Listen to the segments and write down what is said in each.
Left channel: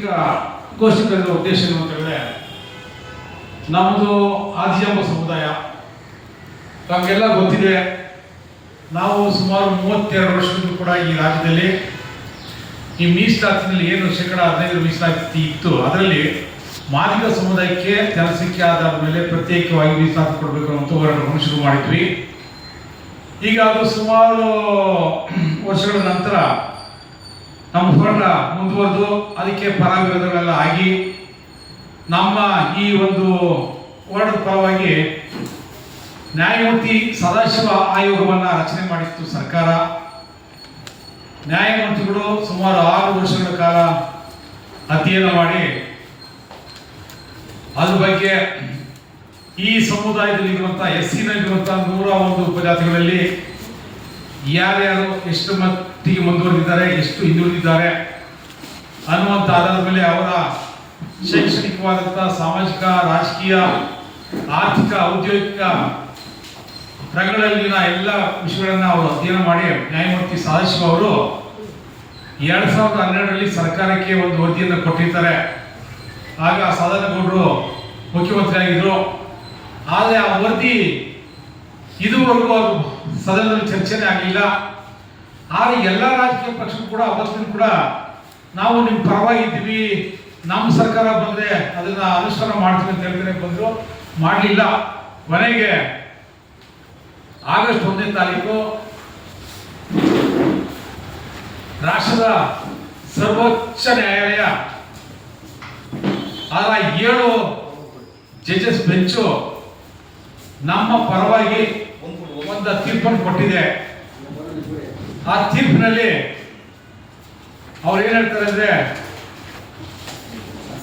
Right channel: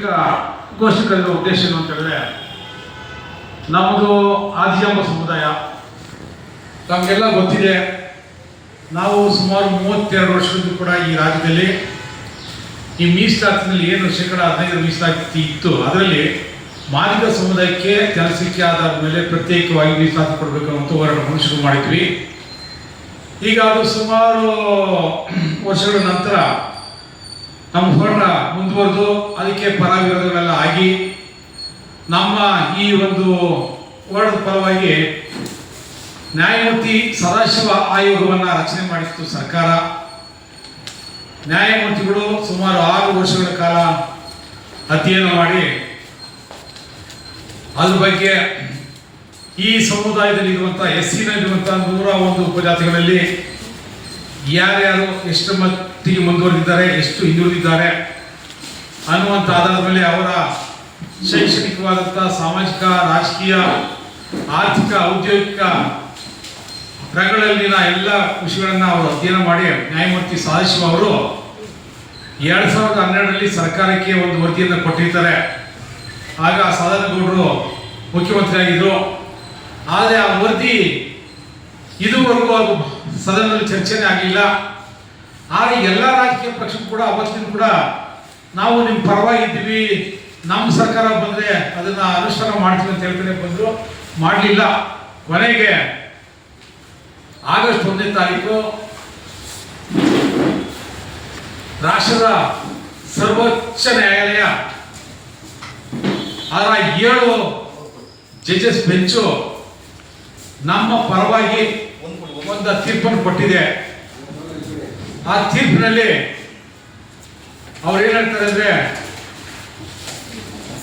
ಈಗ ಗೋಷ್ಠಿ ಉದ್ದೇಶ ಏನು ಅಂತ ಹೇಳಿದ್ರೆ, ನಮ್ಮದು ಆದಿಜಾಂಬ ಸಮುದಾಯ, ನಮಗೆಲ್ಲ ಗೊತ್ತಿದೆ, ನಾವು ಸುಮಾರು ಮೂವತ್ತೆರಡು ವರ್ಷದಿಂದ ಕೂಡ ಈ ರಾಜ್ಯದಲ್ಲಿ ಈ ಮೀಸಲಾತಿನಲ್ಲಿ ಏನು ಶೇಕಡ ಹದಿನೈದು ಮೀಸಲಾತಿ ಇತ್ತು, ಅದರಲ್ಲಿ ಮಾದಿಗ ಸಮುದಾಯಕ್ಕೆ ಜನಸಂಖ್ಯೆ ಆಧಾರದ ಮೇಲೆ ಪ್ರತ್ಯೇಕವಾಗಿ ಮೀಸಲಾತಿ ಕೊಡಬೇಕು ಅಂತ ಹೋರಾಟವನ್ನು ಶುರು ಮಾಡಿದ್ವಿ. ಈಗ ಅದು ಸುಮಾರು ವರ್ಷಗಳ ನಂತರ ನಮ್ಮ ಹೋರಾಟ ಮುಂದುವರೆದು ಅದಕ್ಕೆ ಪರ ವಿರೋಧಗಳೆಲ್ಲ ಆಗಿ ನಮ್ಮ ಈ ಒಂದು ಹೋರಾಟದ ಪರವಾಗಿ ನ್ಯಾಯಮೂರ್ತಿ ಸದಾಶಿವ ಆಯೋಗವನ್ನು ರಚನೆ ಮಾಡಿತ್ತು ಸರ್ಕಾರ. ನ್ಯಾಯಮೂರ್ತಿಗಳು ಸುಮಾರು ಆರು ವರ್ಷಗಳ ಕಾಲ ಅಧ್ಯಯನ ಮಾಡಿ ಅದ್ರ ಬಗ್ಗೆ ಈ ಸಮುದಾಯದಲ್ಲಿ ಇರುವಂತಹ ಎಸ್ ಸಿನಲ್ಲಿರುವಂಥ ನೂರ ಒಂದು ಉಪಜಾತಿಗಳಲ್ಲಿ ಯಾರ್ಯಾರು ಎಷ್ಟು ಮಟ್ಟಿಗೆ ಮುಂದುವರೆದಿದ್ದಾರೆ, ಎಷ್ಟು ಹಿಂದುಳಿದಿದ್ದಾರೆ ಅನ್ನುವಂಥ ಆಧಾರದ ಮೇಲೆ ಅವರ ಶೈಕ್ಷಣಿಕವಾದಂಥ ಸಾಮಾಜಿಕ, ರಾಜಕೀಯ, ಆರ್ಥಿಕ, ಔದ್ಯೋಗಿಕ ರಂಗಗಳಲ್ಲಿನ ಎಲ್ಲ ವಿಷಯಗಳನ್ನು ಅವರು ಅಧ್ಯಯನ ಮಾಡಿ ನ್ಯಾಯಮೂರ್ತಿ ಸದಾಶಿವ ಅವರು ಎರಡು ಸಾವಿರದ ಹನ್ನೆರಡರಲ್ಲಿ ಸರ್ಕಾರಕ್ಕೆ ಒಂದು ವರದಿಯನ್ನು ಕೊಟ್ಟಿರ್ತಾರೆ. ಆಗ ಸದಾನಗೌಡರು ಮುಖ್ಯಮಂತ್ರಿ ಆಗಿದ್ರು ಆದರೆ ಆ ವರದಿ ಇದುವರೆಗೂ ಅದು ಸದನದಲ್ಲಿ ಚರ್ಚೆನೇ ಆಗಲಿಲ್ಲ. ಆದರೆ ಎಲ್ಲ ರಾಜಕೀಯ ಪಕ್ಷ ಕೂಡ, ಅವತ್ತಿನ ಕೂಡ ನಾವು ನಿಮ್ಮ ಪರವಾಗಿದ್ದೀವಿ ನಮ್ಮ ಸರ್ಕಾರ ಬಂದರೆ ಅದನ್ನ ಅನುಷ್ಠಾನ ಮಾಡ್ತೀವಿ ಅಂತ ಹೇಳ್ತಾರೆ ಬಂದರು ಮಾಡಲಿಲ್ಲ. ಕೊನೆಗೆ ಆಗಸ್ಟ್ ಒಂದನೇ ತಾರೀಕು ರಾಷ್ಟ್ರದ ಸರ್ವೋಚ್ಚ ನ್ಯಾಯಾಲಯ ಅದರ ಏಳು ಜಡ್ಜಸ್ ಬೆಂಚು ನಮ್ಮ ಪರವಾಗಿ ಒಂದು ತೀರ್ಪನ್ನು ಕೊಟ್ಟಿದೆ. ಆ ತೀರ್ಪಿನಲ್ಲಿ ಅವ್ರು ಏನ್ ಹೇಳ್ತಾರೆ ಅಂದ್ರೆ,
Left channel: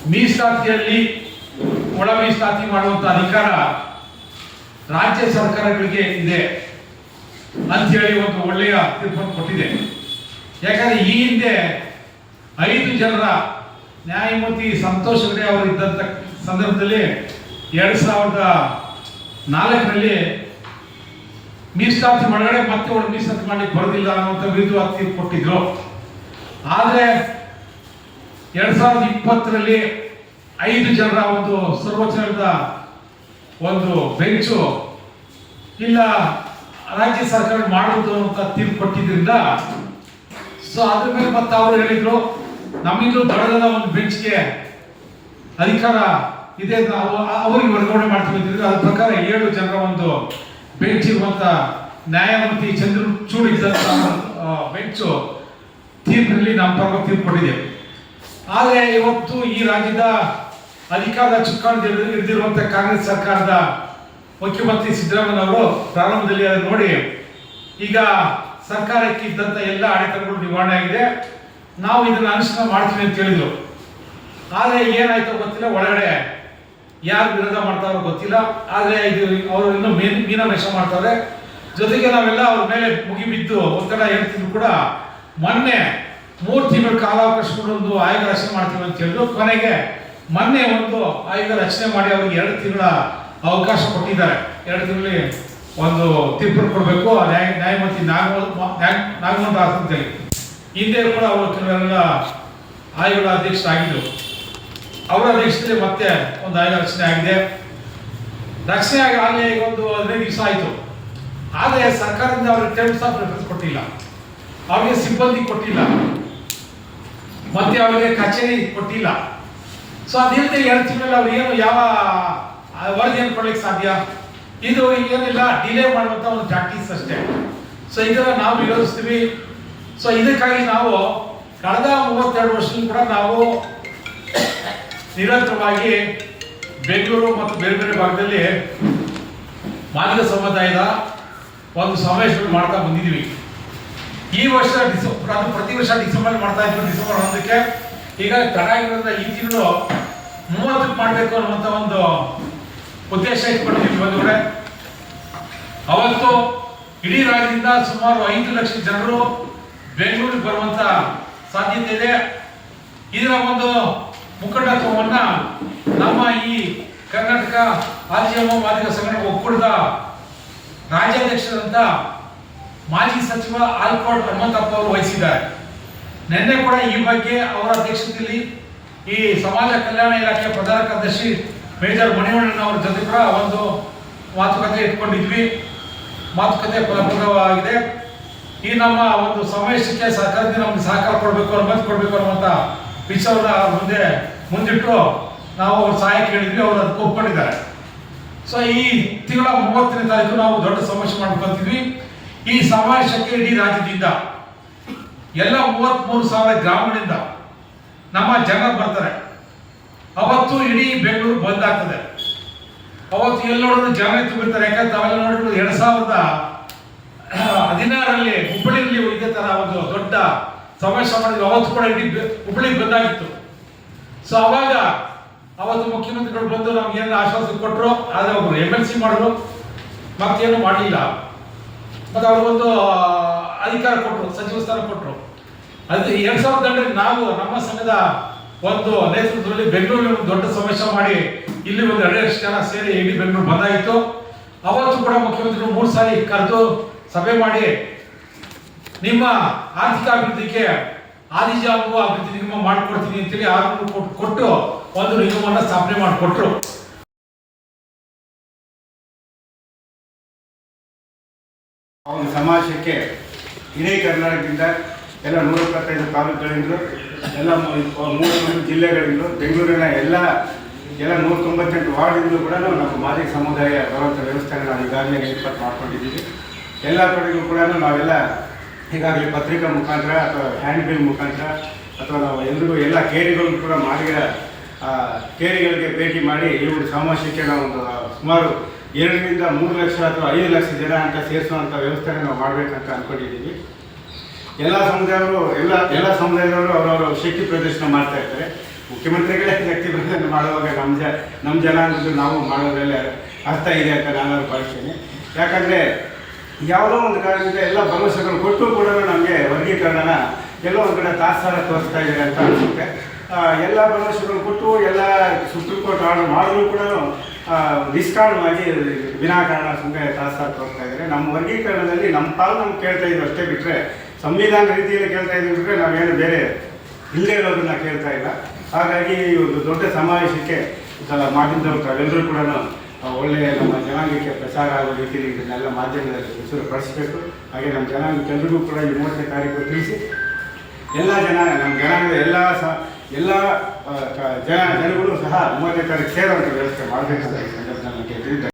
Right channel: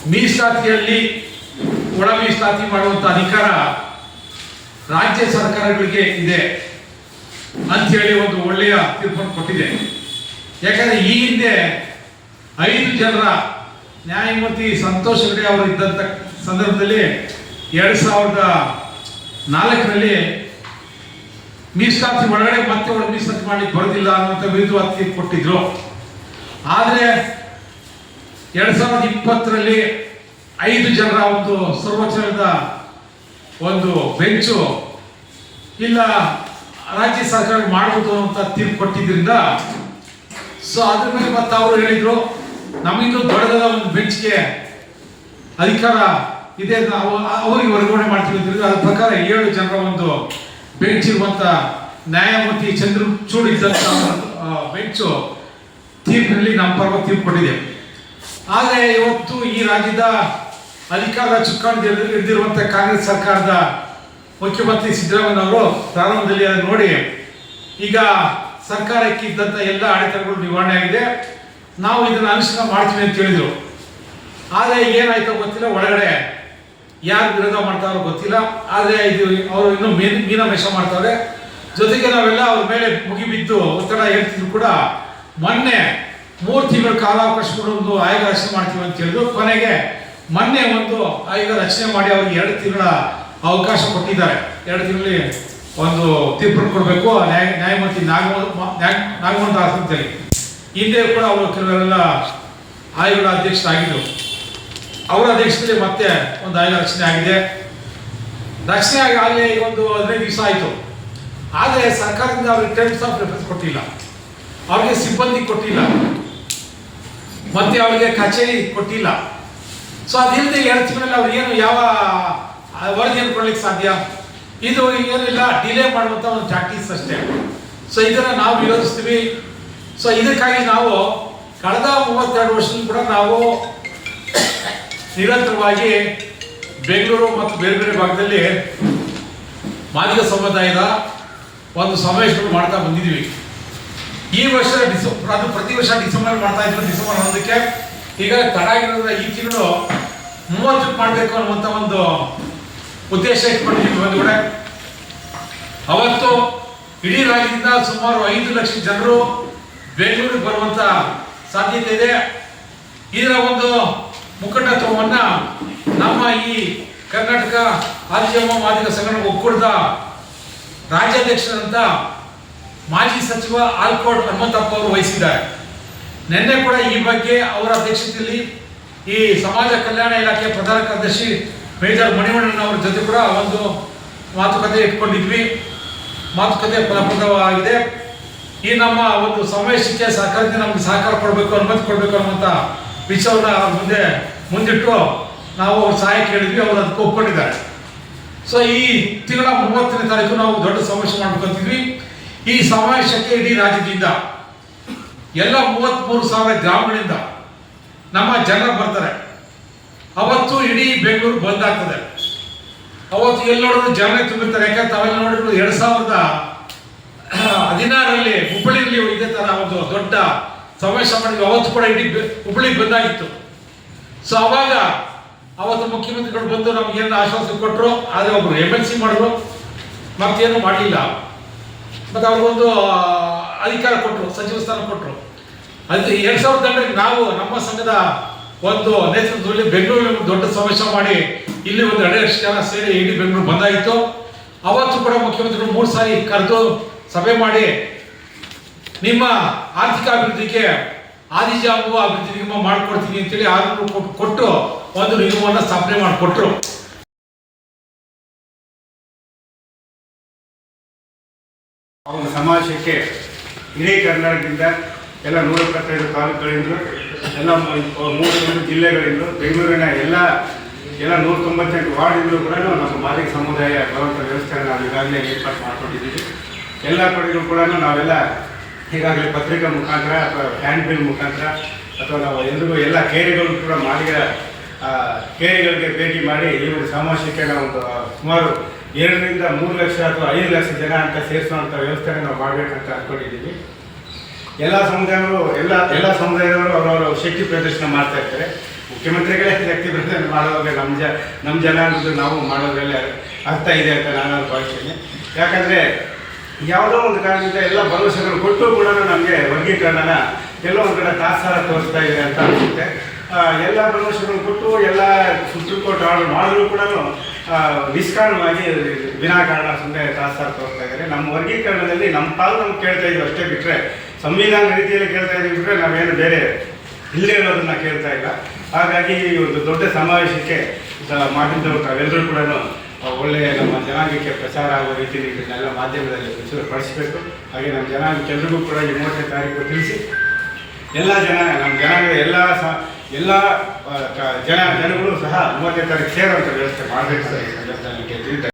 ಮೀಸಲಾತಿಯಲ್ಲಿ ಒಳ ಮೀಸಲಾತಿ ಮಾಡುವಂತ ಅಧಿಕಾರ ರಾಜ್ಯ ಸರ್ಕಾರಗಳಿಗೆ ಇದೆ ಅಂತೇಳಿ ಒಂದು ಒಳ್ಳೆಯ ತೀರ್ಪನ್ನು ಕೊಟ್ಟಿದೆ. ಯಾಕಂದ್ರೆ ಈ ಹಿಂದೆ ಐದು ಜನರ ನ್ಯಾಯಮೂರ್ತಿ ಸಂತೋಷ್ ಹೆಗಡೆ ಅವರು ಇದ್ದಂತ ಸಂದರ್ಭದಲ್ಲಿ ಎರಡು ಸಾವಿರದ ನಾಲ್ಕರಲ್ಲಿ ಮೀಸಲಾತಿ ಒಳಗಡೆ ಮತ್ತೆ ಅವಳು ಮೀಸಲಾತಿ ಮಾಡಲಿಕ್ಕೆ ಬರೋದಿಲ್ಲ ಅನ್ನುವಂಥ ತೀರ್ಪು ಕೊಟ್ಟಿದ್ರು. ಆದರೆ ಎರಡ್ ಸಾವಿರದ ಇಪ್ಪತ್ತರಲ್ಲಿ ಐದು ಜನರ ಒಂದು ಸರ್ವೋಚ್ಚ ಒಂದು ಬೆಂಚು ಇಲ್ಲ ರಾಜ್ಯ ಸರ್ಕಾರ ಮಾಡಬಹುದು ಅಂತ ತೀರ್ಪು ಕೊಟ್ಟಿದ್ರಿಂದ, ಸೊ ಅದ್ರ ಮೇಲೆ ಮತ್ತೆ ಅವರು ಹೇಳಿದ್ರು ನಮಗಿಂದು ದೊಡ್ಡದಾದ ಒಂದು ಬೆಂಚ್ಗೆ ಅಧಿಕಾರ ಇದೆ ನಾವು ಅವರಿಗೆ ವರ್ಗಾವಣೆ ಮಾಡ್ತೀವಿ ಅದ್ರ ಪ್ರಕಾರ ಏಳು ಜನರ ಒಂದು ಬೆಂಚ್ ಇರುವಂತ ನ್ಯಾಯಮೂರ್ತಿ ಚಂದ್ರಚೂಡ್ ಇದ್ದಂಥ ಬೆಂಚು ತೀರ್ಪಿನಲ್ಲಿ ನಮ್ಮ ಪರ್ವ ತೀರ್ಪು ಕೊಟ್ಟಿದೆ ಆದರೆ ಇವತ್ತು ಈ ರಾಜ್ಯದ ಅಧಿಕಾರದ ಚುಕ್ಕಾಣಿ ಹಿಡಿದು- ಹಿಡಿದಿರುವಂತ ಕಾಂಗ್ರೆಸ್ ಸರ್ಕಾರದ ಮುಖ್ಯಮಂತ್ರಿ ಸಿದ್ದರಾಮಯ್ಯ ಅವರು ಪ್ರಾರಂಭದಲ್ಲಿ ಅದನ್ನು ನೋಡಿ, ಈಗ ಸರ್ಕಾರಕ್ಕೆ ಇದ್ದಂಥ ಎಲ್ಲ ಅಡೆತಡೆಗಳು ನಿವಾರಣೆ ಆಗಿದೆ. ನಾವು ಇದನ್ನು ಅನುಷ್ಠಾನ ಮಾಡ್ತೀವಿ ಅಂತ ಹೇಳಿದ್ರು. ಆದರೆ ಏನಾಯ್ತೋ ಗೊತ್ತಿಲ್ಲ, ಒಳಗಡೆ ಯಾರು ವಿರೋಧ ಮಾಡ್ತಾರೋ ಗೊತ್ತಿಲ್ಲ, ಆದರೆ ಇದು ಅವರು ಇನ್ನೂ ಮೀನ, ಮೀನಮೇಷ ಮಾಡ್ತಾರೆ. ಜೊತೆಗೆ ನಾವೆಲ್ಲ ಅವ್ರ ಮೇಲೆ ಮುಗಿಬಿದ್ದು ಒತ್ತಡ ಹೇಳ್ತಿದ್ರು ಕೂಡ, ಮೊನ್ನೆ ಮೂರು ತಿಂಗಳ ಕಾಲಾವಕಾಶ ಒಂದು ಆಯೋಗ ರಚನೆ ಮಾಡ್ತೀವಿ ಅಂತ ಹೇಳಿದ್ರು. ಕೊನೆಗೆ ಮೊನ್ನೆ ಒಂದು ಆಯೋಗ ರಚನೆ ಮಾಡಿ ಅವ್ರಿಗೆ ಎರಡು ತಿಂಗಳ ಅವಕಾಶ ಕೊಟ್ಟಿದ್ದಾರೆ. ಎರಡು ತಿಂಗಳಲ್ಲಿ ಒಂದು ತೀರ್ಪು ಕೊಡಬೇಕು ನ್ಯಾಯ, ನ್ಯಾಯಮೂರ್ತಿ ನ್ಯಾಯ- ಆಸ್ತಿ ಹಿಂದೆ ಕೂಡ ಅವರು ಕೆಲವರೆಲ್ಲ ಆಯೋಗದ ಅಧ್ಯಕ್ಷರಾಗಿದ್ದರು. ಅವರ ದೇಶದಲ್ಲಿ ಮತ್ತೆ ಒಂದು ಆಯೋಗ ರಚನೆ ಆಗಿದೆ. ರಚನೆ ಆಗಿ ಆಗಲೇ ಈಗ ಒಂದು ಹದಿನೈದು ದಿವಸ ಆಯಿತು. ಆದರೆ ಸರ್ಕಾರದಿಂದ ಅವ್ರಿಗೆ ಟರ್ಮ್ಸ್ ಆಫ್ ರೆಫರೆನ್ಸ್ ಕೊಟ್ಟಿಲ್ಲ. ಅವ್ರಿಗೆ ಸಿಬ್ಬಂದಿ ಕೊಟ್ಟಿಲ್ಲ. ಮತ್ತೆ ಅವರಿಗೆ ಕಚೇರಿ ಕೊಟ್ಟಿಲ್ಲ. ಸೊ ಅದಿಲ್ಲದೆ ಎರಡು ತಿಂಗಳಲ್ಲಿ ಅವ್ರು ಏನು ಯಾವ ವರದಿ ವರದಿಯನ್ನು ಕೊಡ್ಲಿಕ್ಕೆ ಸಾಧ್ಯ? ಇದು ಏನಿಲ್ಲ ಡಿಲೇ ಮಾಡುವಂಥ ಒಂದು ಪ್ರಾಕ್ಟೀಸ್ ಅಷ್ಟೇ. ಸೊ ಇದನ್ನು ನಾವು ವಿರೋಧಿಸ್ತೀವಿ. ಸೊ ಇದಕ್ಕಾಗಿ ನಾವು ಕಳೆದ ಮೂವತ್ತೆರಡು ವರ್ಷದಲ್ಲಿ ಕೂಡ ನಾವು ನಿರಂತರವಾಗಿ ಬೆಂಗಳೂರು ಮತ್ತು ಬೇರೆ ಬೇರೆ ಭಾಗದಲ್ಲಿ ಮಾದಿಗ ಸಮುದಾಯದ ಒಂದು ಸಮಾವೇಶಗಳು ಮಾಡ್ತಾ ಬಂದಿದ್ದೀವಿ. ಈ ವರ್ಷ ಡಿಸೆಂಬರ್ ಅದು ಪ್ರತಿ ವರ್ಷ ಡಿಸೆಂಬರ್ ಮಾಡ್ತಾ ಇದ್ದೀವಿ, ಡಿಸೆಂಬರ್ ಒಂದಕ್ಕೆ. ಈಗ ತಡಾಗಿರೋದ್ರ ಈ ತಿಂಗಳು ಮೂವತ್ತು ಮಾಡಬೇಕು ಅನ್ನುವಂಥ ಒಂದು ಉದ್ದೇಶ ಇಟ್ಕೊಂಡಿದ್ದೀವಿ ಒಂದು ಕಡೆ. ಅವತ್ತು ಇಡೀ ರಾಜ್ಯದಿಂದ ಸುಮಾರು ಐದು ಲಕ್ಷ ಜನರು ಬೆಂಗಳೂರಿಗೆ ಬರುವಂಥ ಸಾಧ್ಯತೆ ಇದೆ. ಇದರ ಒಂದು ಮುಖಂಡತ್ವವನ್ನ ನಮ್ಮ ಈ ಕರ್ನಾಟಕ ಆದಿಜಾಮ ಮಾದಿಗ ಸಂಘಟನೆ ಒಕ್ಕೂಟದ ರಾಜ್ಯಾಧ್ಯಕ್ಷರಂತ ಮಾಜಿ ಸಚಿವ ಆಲ್ಕೋಟ್ ಹನುಮಂತಪ್ಪ ಅವರು ವಹಿಸಿದ್ದಾರೆ. ನಿನ್ನೆ ಕೂಡ ಈ ಬಗ್ಗೆ ಅವರ ಅಧ್ಯಕ್ಷತೆಯಲ್ಲಿ ಈ ಸಮಾಜ ಕಲ್ಯಾಣ ಇಲಾಖೆ ಪ್ರಧಾನ ಕಾರ್ಯದರ್ಶಿ ಮೇಜರ್ ಮಣಿವಣ್ಣನವರ ಜೊತೆ ಕೂಡ ಒಂದು ಮಾತುಕತೆ ಇಟ್ಕೊಂಡಿದ್ವಿ. ಮಾತುಕತೆ ಫಲಪ್ರದವಾಗಿದೆ. ಈ ನಮ್ಮ ಒಂದು ಸಮಾವೇಶಕ್ಕೆ ಸಹಕಾರದಿಂದ ನಮ್ಗೆ ಸಹಕಾರ ಕೊಡಬೇಕು, ಅನುಮತಿ ಕೊಡಬೇಕು ಅನ್ನುವಂಥ ವಿಷಯವನ್ನು ಅವ್ರ ಮುಂದೆ ಮುಂದಿಟ್ಟು ನಾವು ಅವ್ರ ಸಹಾಯ ಕೇಳಿದ್ವಿ, ಅವ್ರು ಅದಕ್ಕೆ ಒಪ್ಕೊಂಡಿದ್ದಾರೆ. ಸೊ ಈ ತಿಂಗಳ ಮೂವತ್ತನೇ ತಾರೀಕು ನಾವು ದೊಡ್ಡ ಸಮಾವೇಶ ಮಾಡ್ಕೊತೀವಿ ಈ ಸಮಾವೇಶಕ್ಕೆ ಇಡೀ ರಾಜ್ಯದಿಂದ, ಎಲ್ಲ ಮೂವತ್ತ್ಮೂರು ಸಾವಿರ ಗ್ರಾಮಗಳಿಂದ ನಮ್ಮ ಜನ ಬರ್ತಾರೆ. ಅವತ್ತು ಇಡೀ ಬೆಂಗಳೂರು ಬಂದ್ ಆಗ್ತದೆ. ಅವತ್ತು ಎಲ್ಲಿ ನೋಡಿದ್ರು ಜನ ತುಂಬಿರ್ತಾರೆ. ಯಾಕಂದ್ರೆ ಅವೆಲ್ಲ ನೋಡಿದ್ರು ಎರಡು ಸಾವಿರದ ಹದಿನಾರರಲ್ಲಿ ಹುಬ್ಬಳ್ಳಿಯಲ್ಲಿ ಇದೇ ತರ ಒಂದು ದೊಡ್ಡ ಸಮಾವೇಶ ಮಾಡಿದ್ವಿ. ಅವತ್ತು ಕೂಡ ಇಡೀ ಹುಬ್ಬಳ್ಳಿ ಬಂದಾಗಿತ್ತು. ಸೊ ಅವಾಗ ಅವತ್ತು ಮುಖ್ಯಮಂತ್ರಿಗಳು ಬಂದು ನಮ್ಗೆ ಏನು ಆಶ್ವಾಸನೆ ಕೊಟ್ಟರು ಆದರೆ ಒಬ್ರು ಎಂ ಎಲ್ ಸಿ ಮಾಡಿದ್ರು ಮತ್ತೇನು ಮಾಡಲಿಲ್ಲ ಮತ್ತೆ ಅವ್ರಿಗೊಂದು ಅಧಿಕಾರ ಕೊಟ್ಟರು ಸಚಿವ ಸ್ಥಾನ ಕೊಟ್ಟರು ಅದಕ್ಕೆ ಎರಡು ಸಾವಿರದ ಹನ್ನೆರಡು ನಾವು ನಮ್ಮ ಸಂಘದ ಒಂದು ನೇತೃತ್ವದಲ್ಲಿ ಬೆಂಗಳೂರಿನ ಒಂದು ದೊಡ್ಡ ಸಮಾವೇಶ ಮಾಡಿ ಇಲ್ಲಿ ಒಂದು ಎರಡೆರಡು ಜನ ಸೇರಿ ಇಡೀ ಬೆಂಗಳೂರು ಬಂದಾಯಿತು. ಅವತ್ತು ಕೂಡ ಮುಖ್ಯಮಂತ್ರಿಗಳು ಮೂರು ಸಾರಿ ಕರೆದು ಸಭೆ ಮಾಡಿ ನಿಮ್ಮ ಆರ್ಥಿಕ ಅಭಿವೃದ್ಧಿಗೆ ಆದಿಜಾಂಬು ಅಭಿವೃದ್ಧಿ ನಿಗಮ ಮಾಡಿಕೊಡ್ತೀನಿ ಅಂತೇಳಿ ಆರ್ಡರ್ ಕೊಟ್ಟು ಕೊಟ್ಟು ಒಂದು ನಿಗಮವನ್ನು ಸ್ಥಾಪನೆ ಮಾಡಿಕೊಟ್ರು. ಆ ಸಮಾಜಕ್ಕೆ ಇಡೀ ಕರ್ನಾಟಕದಿಂದ ಎಲ್ಲ ನೂರ ಇಪ್ಪತ್ತೈದು ತಾಲೂಕುಗಳಿಂದ ಎಲ್ಲ ಮೂರು ಜಿಲ್ಲೆಗಳಿಂದ ಬೆಂಗಳೂರಿನ ಎಲ್ಲ ಎಲ್ಲ ನೂರ ತೊಂಬತ್ತೆಂಟು ವಾರ್ಡ್ಗಳು ಕೂಡ ನಮ್ಮ ಮಾಲಿಕ ಸಮುದಾಯ ಬರುವಂಥ ವ್ಯವಸ್ಥೆಯನ್ನು ನಾವು ಈಗಾಗಲೇ ಏರ್ಪಾಟು ಮಾಡ್ಕೊಂಡಿದ್ದೀವಿ. ಎಲ್ಲ ಕಡೆಗೂ ಕೂಡ ನಾವೆಲ್ಲ ಈಗಾಗಲೇ ಪತ್ರಿಕಾ ಮುಖಾಂತರ ಅಥವಾ ಹ್ಯಾಂಡ್ ಬಿಲ್ ಮುಖಾಂತರ ಅಥವಾ ನಾವು ಎಲ್ರಿಗೂ ಎಲ್ಲ ಕೇರಿಗಳು ಕೂಡ ಮಾಡಿದ ಕೇರಿಗಳಿಗೆ ಭೇಟಿ ಮಾಡಿ ಇವರು ಸಮಾವೇಶಕ್ಕೆ ನಾವು ಒಂದು ಸುಮಾರು ಎರಡರಿಂದ ಮೂರು ಲಕ್ಷ ಅಥವಾ ಐದು ಲಕ್ಷ ಜನ ಅಂತ ಸೇರಿಸುವಂಥ ವ್ಯವಸ್ಥೆನ ನಾವು ಮಾಡಬೇಕಂತ ಅಂದ್ಕೊಂಡಿದ್ದೀವಿ ಎಲ್ಲ ಸಮುದಾಯವರು ಎಲ್ಲ ಎಲ್ಲ ಸಮುದಾಯದವರು ಅವರವರು ಶಕ್ತಿ ಪ್ರದರ್ಶನ ಮಾಡ್ತಾ ಇರ್ತಾರೆ ಮುಖ್ಯಮಂತ್ರಿಗಳೇ ಶಕ್ತಿ ಪ್ರದರ್ಶನ ಮಾಡುವಾಗ ನಮ್ಮ ಜ ನಮ್ಮ ಜನ ಅನ್ನೋದು ನಾವು ಮಾಡೋದೆಲ್ಲ ಅರ್ಥ ಇದೆ ಅಂತ ನಾನು ಭಾವಿಸ್ತೀನಿ. ಯಾಕಂದರೆ ಯಾವುದೋ ಒಂದು ಕಾರಣದಿಂದ ಎಲ್ಲ ಭರವಸೆಗಳು ಕೊಟ್ಟು ಕೂಡ ನಮಗೆ ವರ್ಗೀಕರಣನ ಎಲ್ಲೋ ಒಂದು ಕಡೆ ತಾತ್ಸಾರ ತೋರಿಸ್ತಾ ಇದೆ ಅಂತ ಅನಿಸುತ್ತೆ. ಎಲ್ಲ ಭರವಸೆಗಳು ಕೊಟ್ಟು ಎಲ್ಲ ಸುಪ್ರೀಂ ಕೋರ್ಟ್ ಆರ್ಡರ್ ಮಾಡಿದ್ರು ಕೂಡ ನಿಷ್ಕಾರಣವಾಗಿ ವಿನಾಕಾರಣ ಸುಮ್ಮನೆ ತಾತ್ಸಾರ ತೋರಿಸ್ತಾ ಇದ್ದಾರೆ. ನಮ್ಮ ವರ್ಗೀಕರಣದಲ್ಲಿ ನಮ್ಮ ಪಾಲು ನಮ್ಗೆ ಕೇಳ್ತಾ ಇದ್ವಿ ಅಷ್ಟೇ ಬಿಟ್ಟರೆ ಸಂವಿಧಾನ ರೀತಿಯಲ್ಲಿ ಕೇಳ್ತಾ ಇದ್ದೀವಿ ಬಿಟ್ಟರೆ ನಾವೇನು ಬೇರೆ ಇಲ್ಲೇ ಇರೋದನ್ನ ಕೇಳ್ತಾ ಇಲ್ಲ. ಹಾಗಾಗಿ ಈ ಒಂದು ದೊಡ್ಡ ಸಮಾವೇಶಕ್ಕೆ ಮಾಡಿದ್ದವರು ತಾವೆಲ್ಲರೂ ಕೂಡ ಒಳ್ಳೆಯ ನಮ್ಮ ಜನಾಂಗಕ್ಕೆ ಪ್ರಸಾರ ಆಗುವ ರೀತಿಯಲ್ಲಿ ಇದನ್ನೆಲ್ಲ ಮಾಧ್ಯಮದಲ್ಲಿ ಪ್ರಚುರಪಡಿಸಬೇಕು ಹಾಗೆ ನಮ್ಮ ಜನಾಂಗಕ್ಕೆ ಎಲ್ರಿಗೂ ಕೂಡ ಈ ಮೂವತ್ತನೇ ತಾರೀಕು ತಿಳಿಸಿ, ಎಲ್ಲ ಜನ, ನಮ್ಮ ಜನಾಂಗದ ಎಲ್ಲ ಸಹ ಎಲ್ಲ ಜನ, ಜನಗಳು ಸಹ ಮೂವತ್ತನೇ ತಾರೀಕು ಸೇರುವಂಥ ವ್ಯವಸ್ಥೆ ಮಾಡಬೇಕಂತ